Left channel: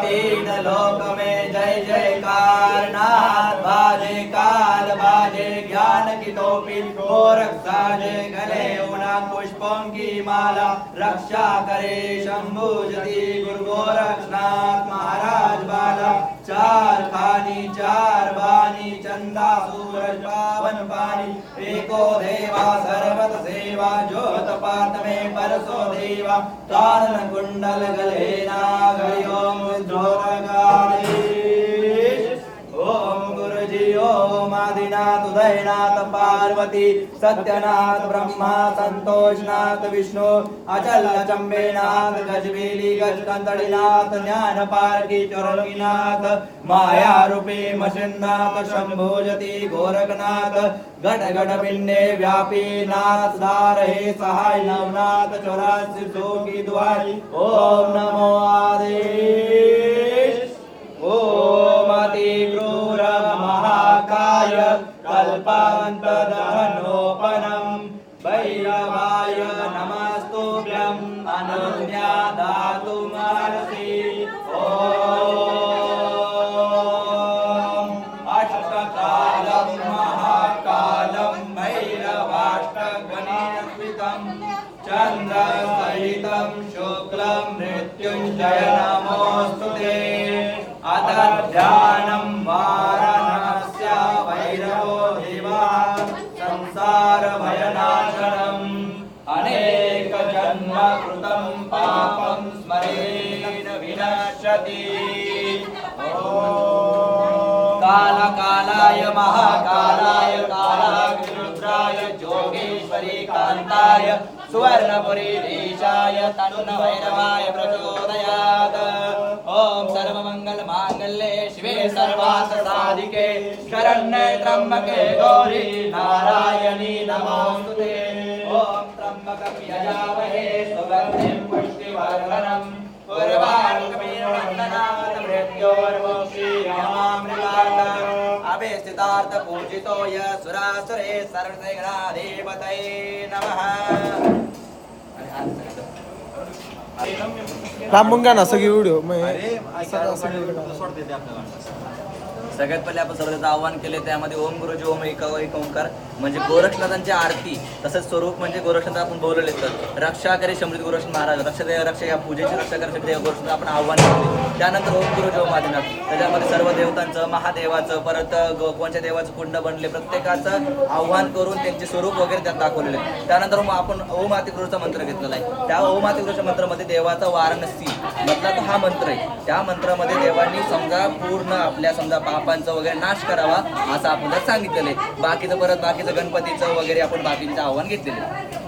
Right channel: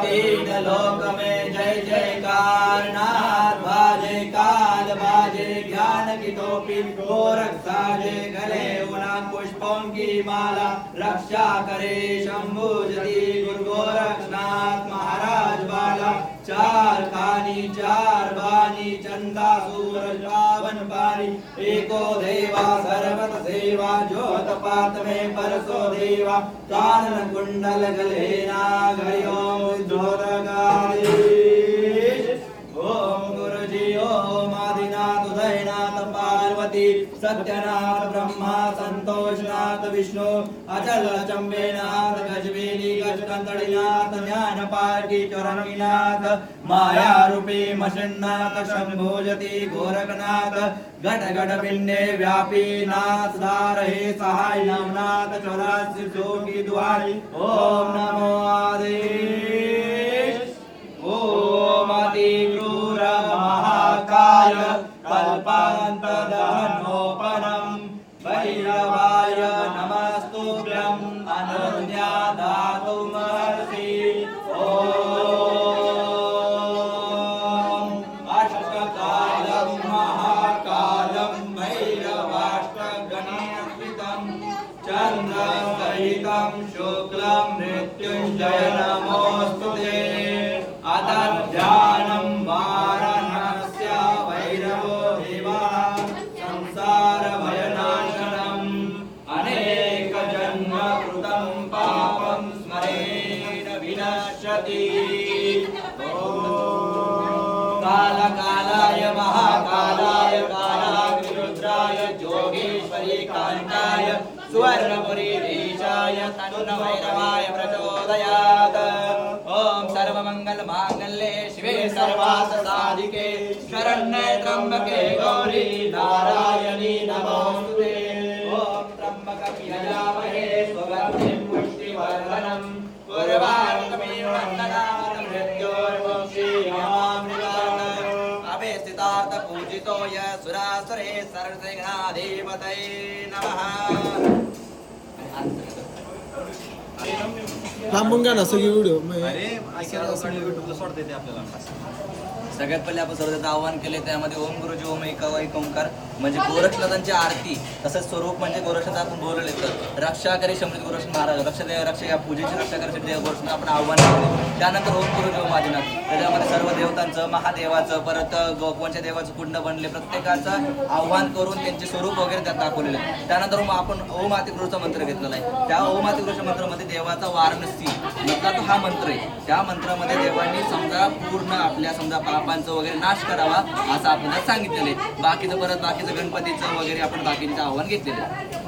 तीन लोक में जय जयकार नाथ बाजे काल बाजे ज्ञान की टोपी गोरख साजे गले उना पुष्पों की माला रक्षा करे शंभु जति गुरु गोरखनाथ महाराज बाला चार खानी चार बानी चंदा सूरज पावन पानी एको देवा सर्वत सेवा ज्योत पात में परसो देवा कानन कुंडल गले नागयो ओम गुरुजी ओम आदिनाथ उदयनाथ पार्वती सत्यनाथ ब्रह्मा संतोषनाथ विष्णु अचल चंबेनाथ गजवेली गजकंदड़ीनाथ ज्ञान पारकी चरणीनाथ माया रूपी मशिन्नाथ शंभोजति गोरखनाथ घट घट पिंडे व्यापी नाथ दार हे सहाय नवनाथ चौरासी की द्वारी ओम नमो आदेश ओम अति क्रूर महाकाय कल्पांत दहनोपनम भैरवाय नमस्तुभ्यं अनन्या दातुमर्हसि ओम अष्टकालं महाकालं भैरवाष्टगणेश्वरं चन्द्रसहितं शुक्लं मृत्युञ्जय नमोऽस्तुते अतध्यानं वारणस्य भैरवो देवा संसारभयनाशनम् अनेकजन्म कृतं पापं स्मरेण विनश्यति कालकालाय महाकालाय कालाग्निरुद्राय जोगेश्वरी कान्ताय सुवर्णपुरीधीशाय तन्नभैरवाय प्रचोदयात् ओम सर्वमंगलमांगल्ये शिवे सर्वार्थसाधिके शरण्ये त्र्यंबके गौरी नारायणी नमोस्तुते ओम त्र्यंबकं यजामहे सुगन्धिं पुष्टिवर्धनम् उर्वारुकमेव वन्दनात् मृत्योर्मुक्षीयमामृतात् अभिस्थितार्थ पूजितो य सुरासुरे सर्वगणाधिपतये नमः लांबून घ्या ना सगळी व्हिडिओ सगळ्यात पहिले आपण सर्वदा आवाहन केले त्यामध्ये ओम गुरुजी ओम एक ओंकार म्हणजे गोरक्षनाथांची आरती तसंच स्वरूप म्हणजे गोरक्षनाथ आपण बोलवले तर रक्षा करे शंभर गोरक्षनाथ महाराज रक्षा या पूजेची रक्षा करे देव गोरक्षनाथ आपण आव्हान केले त्यानंतर ओम गुरुजी ओम आदिनाथ त्याच्यामध्ये सर्व देवतांचं महादेवाचं परत कोणत्या देवाचं कुंड बनले प्रत्येकाचं आव्हान करून त्यांचे स्वरूप वगैरे त्यात दाखवलेले त्यानंतर आपण ओम आतिगुरूचा मंत्र घेतलेला आहे त्या ओम आतिगुरूच्या मंत्रामध्ये देवाचा वाराणसी म्हटला तर हा मंत्र आहे त्या मंत्रामध्ये देवांनी समजा पूर्ण आपल्या समजा पापांचा वगैरे नाश करावा असं आपल्याला सांगितलेलं आहे बाकीचं परत बाकीचं गणपतीचं वगैरे आपण बाकीचं आव्हान घेतलेलं आहे